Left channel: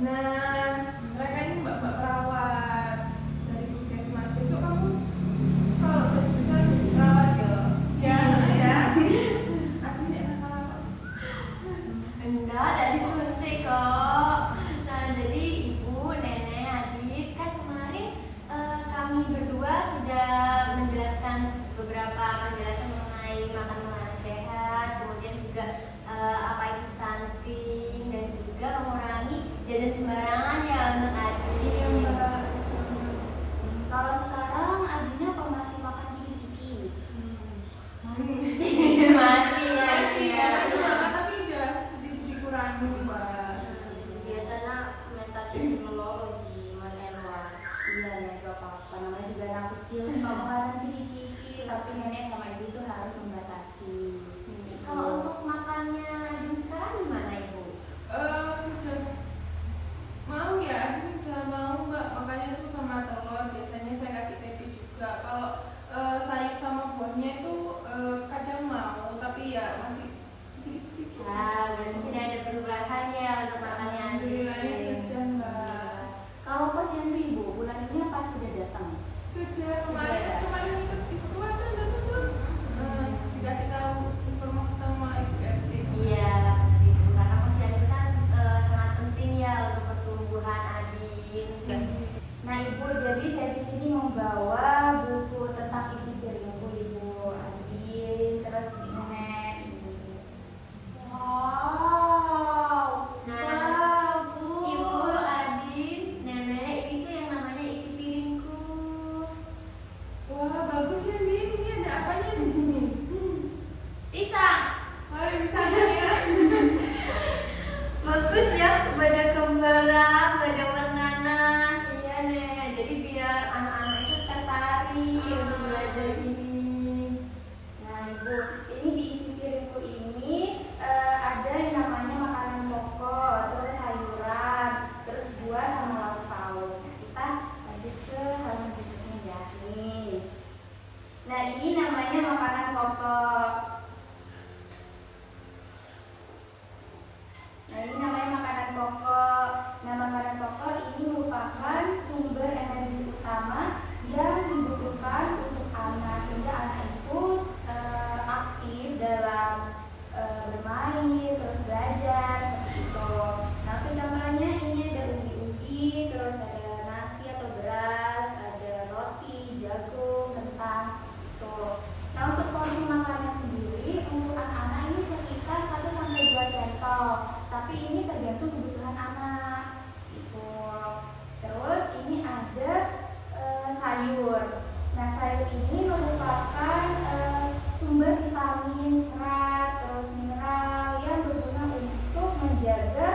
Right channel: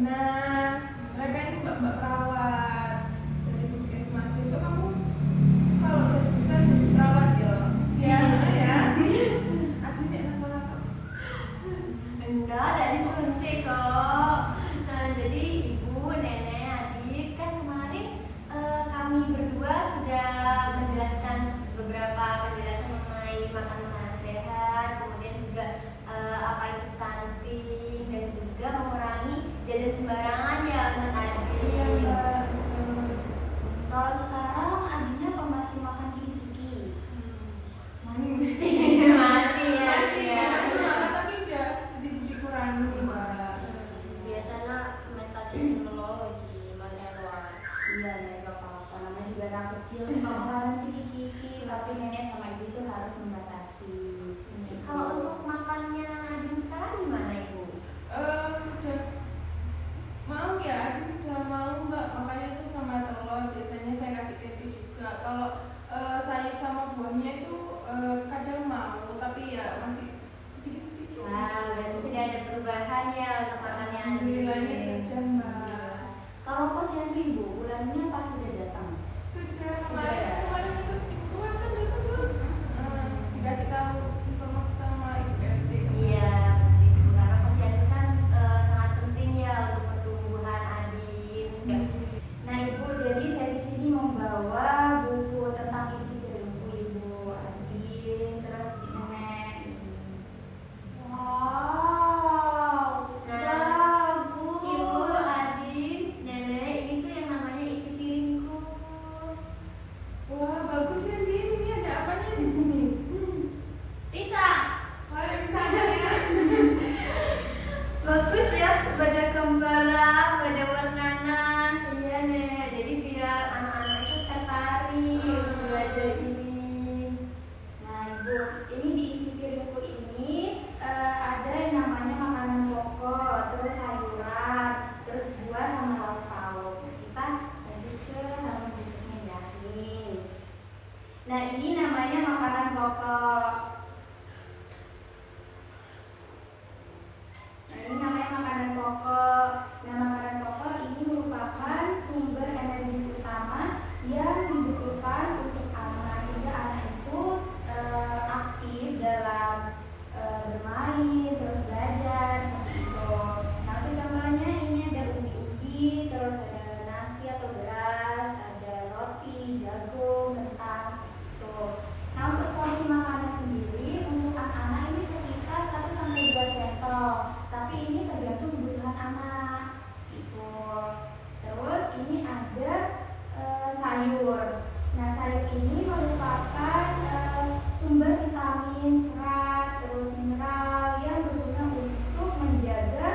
Dina. Mereka ini mbak-mbak perawat dari puskesmas. Besok kamu kalau udah bisa jadi perawat ya. Ya, ya. Adiknya kenapa? Enggak, dari suntik kok. Nah, jadi ibu, nenek, adik, kan kemarin kami berdua sudah menjelaskan beberapa penjelasan mengenai makan makanan sehat, kemudian juga apa itu stunting dan juga mengurangi jajan sembarangan ya untuk adik. Kalau sekarang adiknya apa masih makan ciki-ciki? Masih ya. Tapi udah sedikit dikurangi, Mbak. Biasanya minta cicing dulu di mana. Iya, nggak apa-apa. Namanya juga anak kecil, nggak makanan ciki-ciki. Tapi nenek sama ibu itu harus membatasi. Kalau untuk makannya Adin sekarang gimana ibu? Sudah mau ya, aku udah mau Mbak. Makanya tuh sama telur biasanya saya kasih tempe juga. Kalau sayur sama buahnya itu kadang mau, tapi ya masih sedikit-sedikit. Nah, berarti sudah ada perubahan ya untuk makannya Adin. Alhamdulillahnya sudah Mbak. Kalau posyandu ibu, bulannya pas sudah datang? Sudah kemarin itu masa datang belum? Dikasih tahu informasi sama ibu RT. Iya, ibu, karena posyandu kan sangat penting ya untuk pertumbuhan Adin. Nah ibu, jadi saya di sini membawa buku tentang isi dari buku ibu Adin, terus nenek ini. Wow, bagus. Ibu Adin, nenek, ini tuh yang namanya isi piringku. Wah bagus ya Din, ini ada apanya di sini? Pisang. Mari misalnya ya. Bagus ya, pada gembala, pada warnana. Iya nek, jadi biar anak-anak itu tertarik untuk belajar ini. Nah ibu, ini di isi piringku ini ada yang namanya makanan pokok, terus sayuran, terus buah sama lauk pauk. Nah, kita lanjut ke halaman berikutnya ya. Nih. Nah ini namanya makanan pokok. Nah, ini namanya makanan pokok. Nah, makanan pokok ini merupakan sumber energi utama yang dibutuhkan untuk anak, sehingga anak itu aktif dalam bermain, terus belajar, seperti itu. Nah, untuk contohnya ini ada ubi-ubi, terus ada nasi atau beras, ada roti, jagung, kentang, seperti itu. Nah, untuk porsi makanan sendiri untuk anak-anak ini sekitar 1-2 centong. Tapi ini tergantung kebutuhan anak gitu. Terus ini ada sayur. Nah sayur ini merupakan sumber vitamin, serat, terus mineral yang berguna untuk menjaga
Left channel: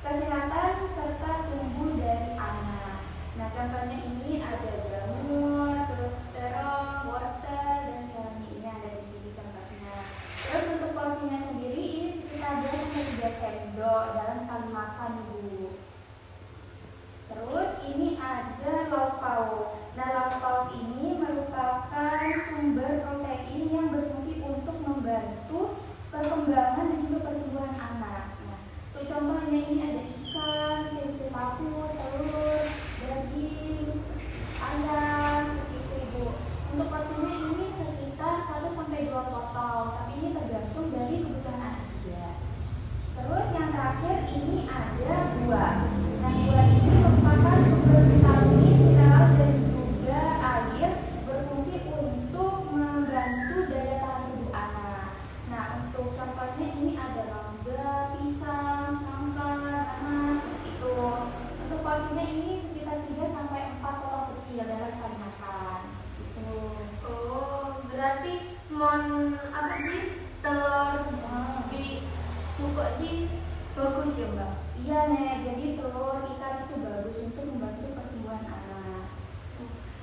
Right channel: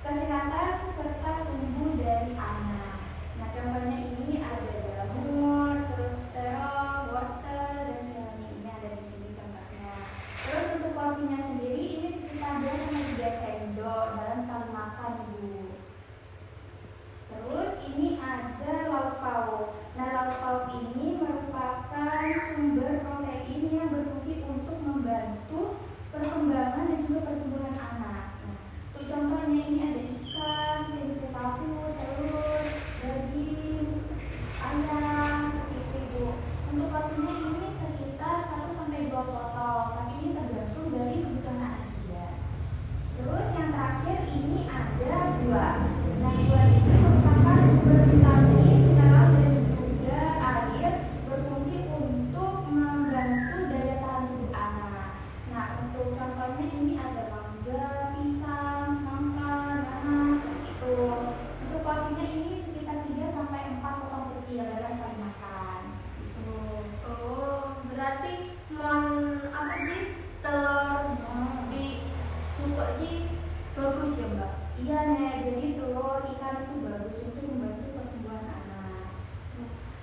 kesehatan serta tumbuh dari anak. Nah contohnya ini ada jamur, terus terong, wortel, dan sebagainya. Ini ada di sini contohnya. Terus untuk porsinya sendiri ini sekitar 2-3 sendok dalam sekali makan ibu. Terus ini ada lauk pauk. Nah lauk pauk ini merupakan sumber protein yang berfungsi untuk membantu perkembangan dan juga pertumbuhan anak. Nah untuk contohnya ini ada ikan, tempe tahu, telur, daging, ayam, seperti itu ibu. Untuk porsinya ini sekitar 1-2 potong, tapi ini tergantung dari kebutuhan anak dia. Terus yang terakhir ini ada buah. Nah buah ini merupakan sumber vitamin, mineral dan juga air, berfungsi untuk membantu daya tahan tubuh anak. Nah untuk contohnya ini ada mangga, pisang, semangka, nanas, seperti itu. Untuk porsinya ini sekitar 3-4 potong kecil dalam sekali makan. Gitu. Oh berarti apa sih telur di cukup bagus ya mbak? Iya nek, jadi telur ikan itu bagus untuk membantu pertumbuhan anak.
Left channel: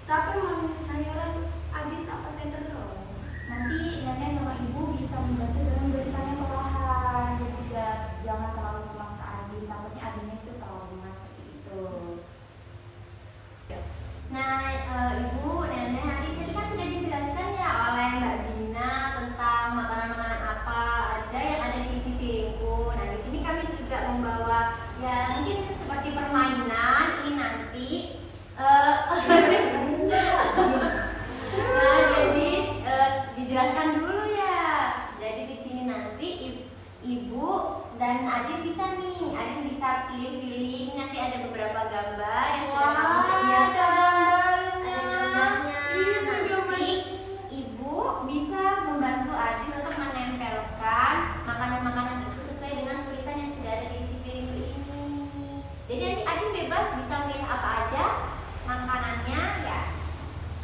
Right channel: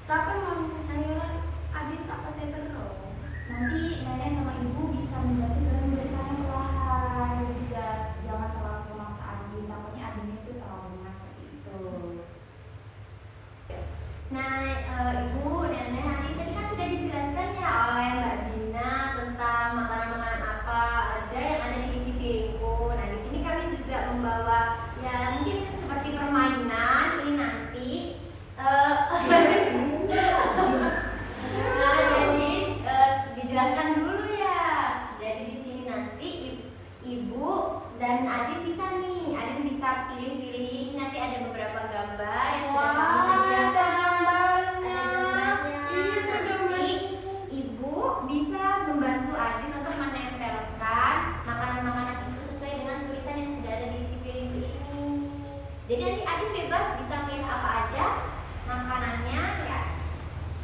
Tapi mau sayuran Adin tak pakai telur. Nanti nenek sama ibu bisa membantu dengan memberikannya perlahan. Dan juga jangan terlalu memaksa Adin, takutnya Adinnya itu trauma seperti itu. Nah ibu, nenek, Adin tadi kan sudah dijelaskan ya oleh Mbak Dina tentang makanan-makanan apa aja yang ada di isi piringku. Nah di sini kami juga membawa ya mungkin seperti permainan dan Adin bisa nih, Adin bisa pilih-pilih. Nanti ada beberapa gambar yang sudah kamu sediakan. Ada gambarnya. Nanti Ibu bisa membantu Adin untuk menempelkan makanan-makanan itu sesuai dengan tulisan yang sudah ada di isi piring ini. Jadi nanti Adin bebas bisa pilih apa aja makanannya ya.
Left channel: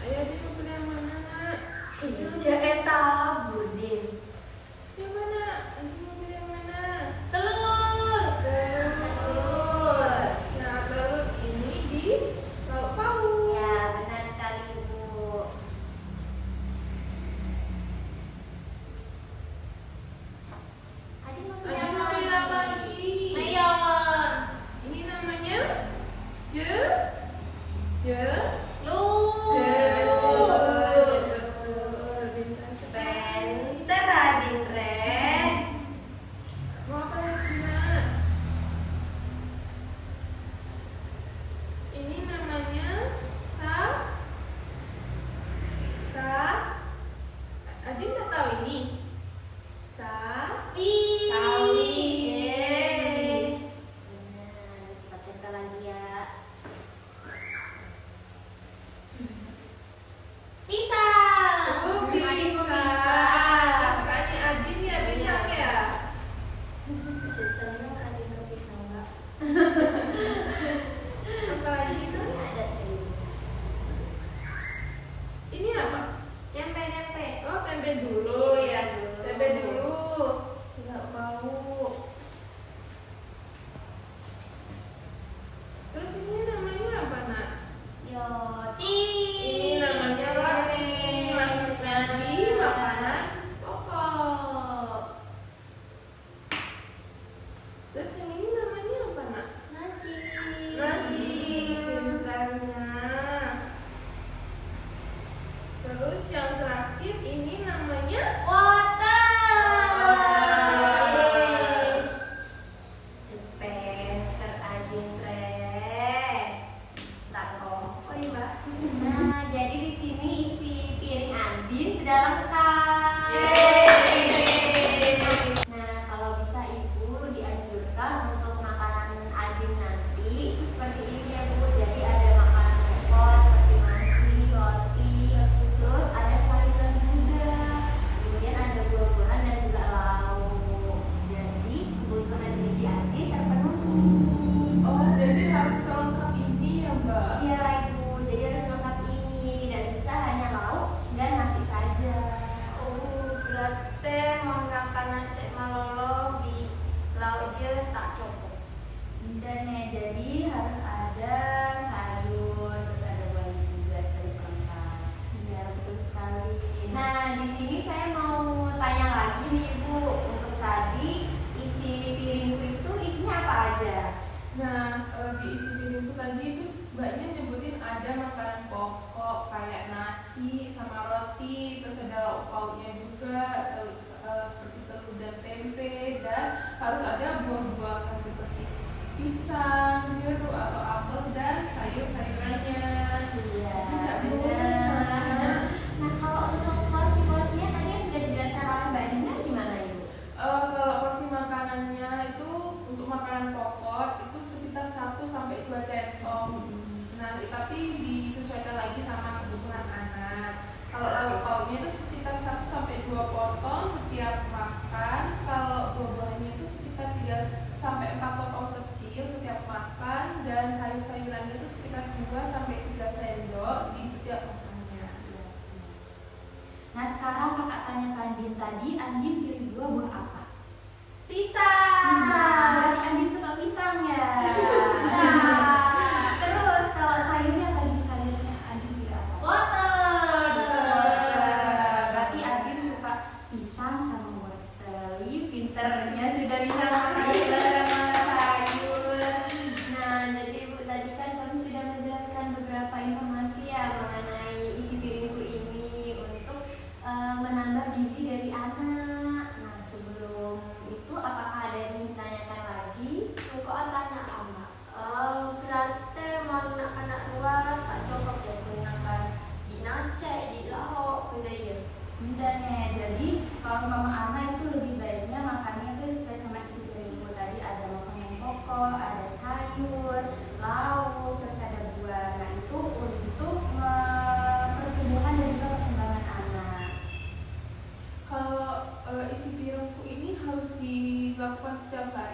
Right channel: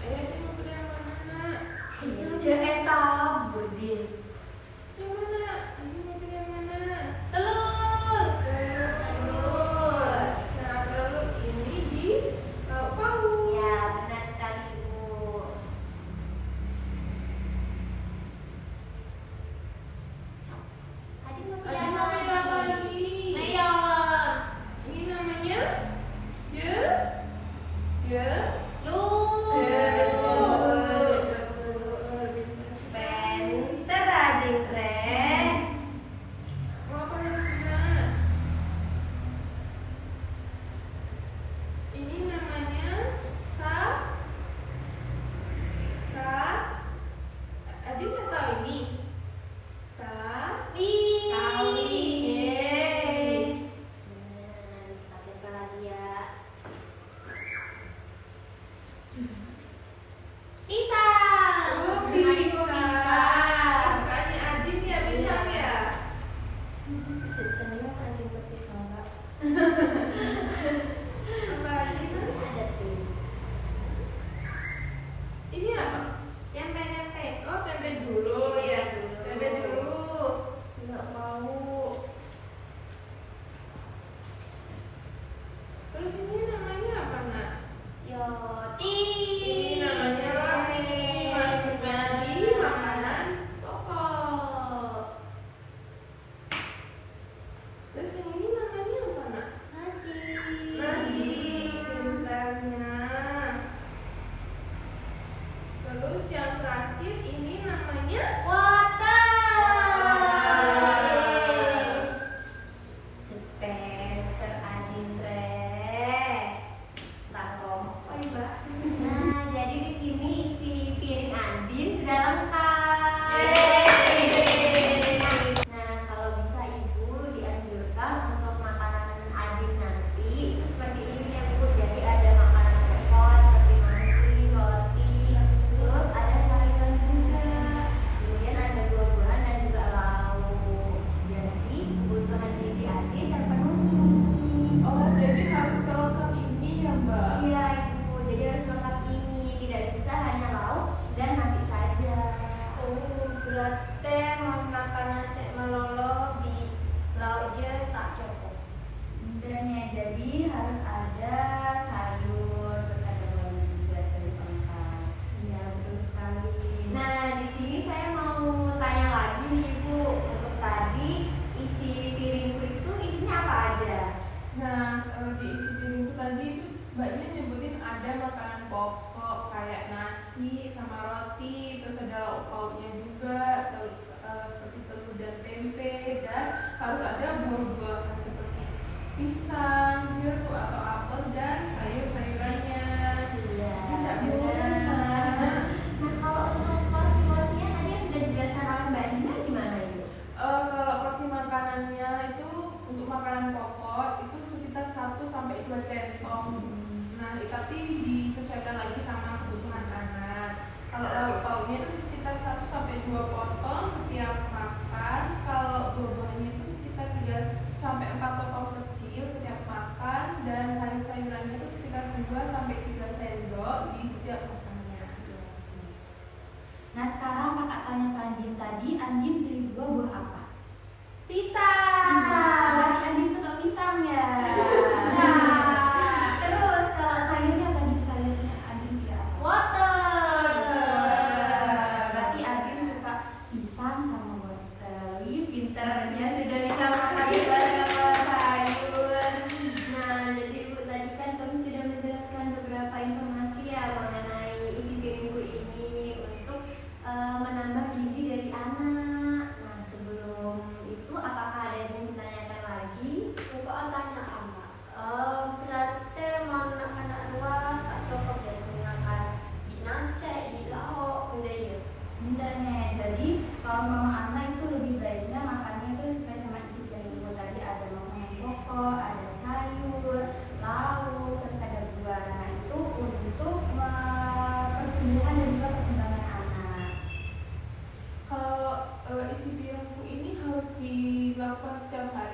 Ayo Adin pilih yang mana? Eta budin. Yang mana? Adin mau pilih yang mana? Telur. Nah, telur ini di lauk pauk. Ya, benar sekali Ibu. Adin mau pilih Adin mau pilih apa apa lagi? Ayo. Ini namanya je je Pinter Adin keren. mau apa lagi Nak? Ini namanya sa Adin nggak tahu ini sawi. Yeay. Nah, kita cerita lagi ya. Pisang. Adin mau pisang. Kesukaannya Adin ya pisang ya. Senang Adin ke pisang Pak. Apa lagi Ini Nak? ada tuh. Ini apa? Tempe-tempe. Oh, tempe dulu Iya, ya. dulu. Tempe dulu. Nggak mau. Terus ini namanya apa, Nak? Roti. Ini namanya roti. Masukkan di makanan pokok. Terus yang ini namanya apa, Nak? Nasi. Nasi. Pintarnya. Terus yang terakhir ini namanya Cepet teradin keren. Takong. Oh iya, Mbak. Nah, jadi di sini isi piring Andin sudah lengkap. Nah, kalau bisa Ibu dianjurkan untuk makanan Andin nanti itu seperti ini ya Bu. Jadi ada makanan pokok seperti nasi, roti, terus ada sayuran juga. Kemudian ada buah-buahan dan juga lauk. Jadi kebutuhan gizi Andin terpenuhi. Oh, jadi harus selengkap ini ya, Mbak? Iya Ibu, jadi harus lengkap ini, tidak bisa hanya lauk dan nasi saja. Oh, berarti mau makan nasi malolo di lauk je tak cukup. Dan ya jadi harus ada sayur, terus ada buah juga sebagai pelengkap. Iya betul sekali. Nah di sini saya mau tanya lagi nih Ibu, untuk tadi isi piringku itu isinya apa aja? Nah, di isi piringku tadi itu mbaknya nyebutin ada makanan pokok kayak nasi sama roti, terus ada lauk pauknya juga, seperti telur dan tempe, dan harus ada buah-buahan seperti pisang, jeruk atau apel dan sayur-sayurannya. Iya, Tidak benar. Nah, kalau untuk porsi-porsinya tadi yang sudah dijelaskan oleh Mbak Dina gimana Ibu? Kalau porsi makanannya itu untuk makanan pokok itu sekitar 1 sampai 2 centong. Nah, tapi disesuaikan lagi sama kebutuhan anak. Kalau lauk pauknya itu sekitar 1 sampai 2 potong setiap makan. Kalau buah-buahannya itu sekitar 3 sampai 4 potong kecil setiap makan, dan sayur-sayurannya itu sekitar 2 sampai 3 sendok di setiap makanannya. Nah sekarang kakak tanya ke Andin tadi, Andin pilih buah apa? Pisang. Pisang. Andin suka pisang ya. Nah, terus kalau sayurnya tadi sayurnya Andin pilih apa? Wortel. Berarti Andin suka pisang sama wortel. Ih, pinternya sudah bisa makan sayur. Nah jadi Ibu tadi kan kami sudah menjelaskan beberapa informasi ya mengenai isi piringku ini untuk menambah gizi dari anak. Nah sebelum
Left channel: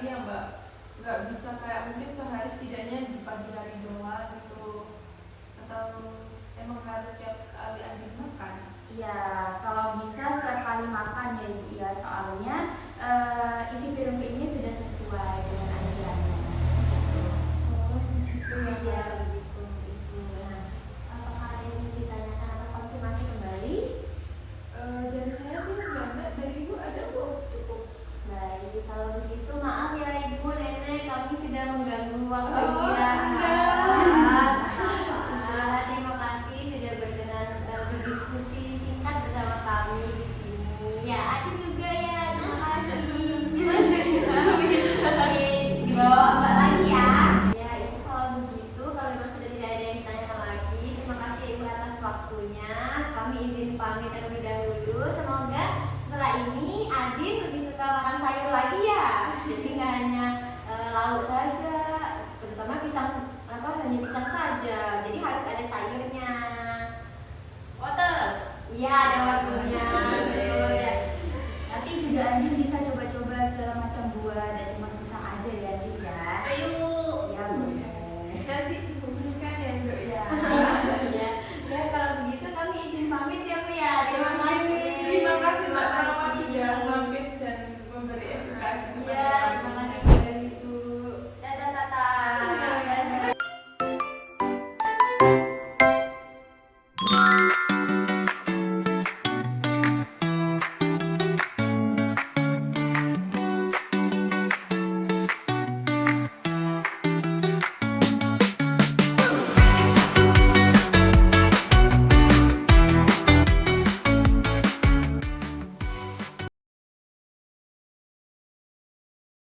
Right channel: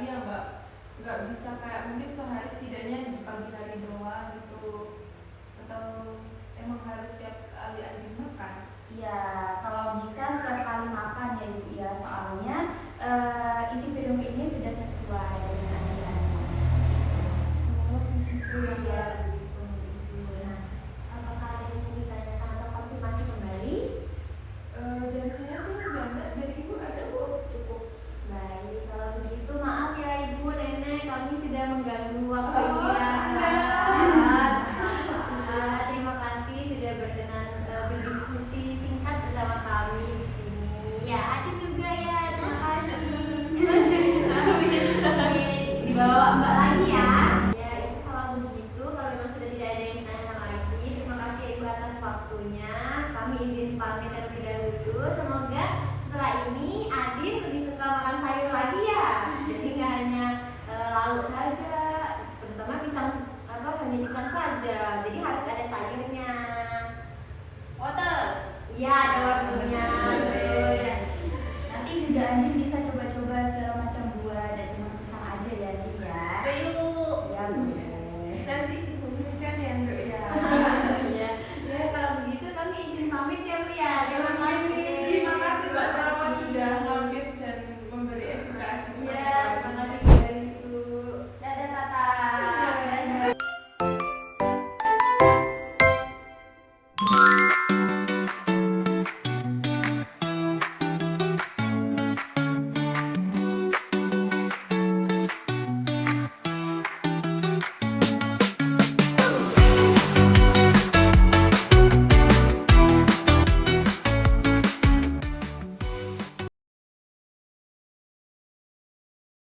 hari ya Mbak, nggak bisa kayak mungkin sehari setidaknya di pagi hari doang gitu, atau emang harus setiap kali Andin makan? Iya, kalau bisa setiap kali makan ya Ibu ya, soalnya isi piring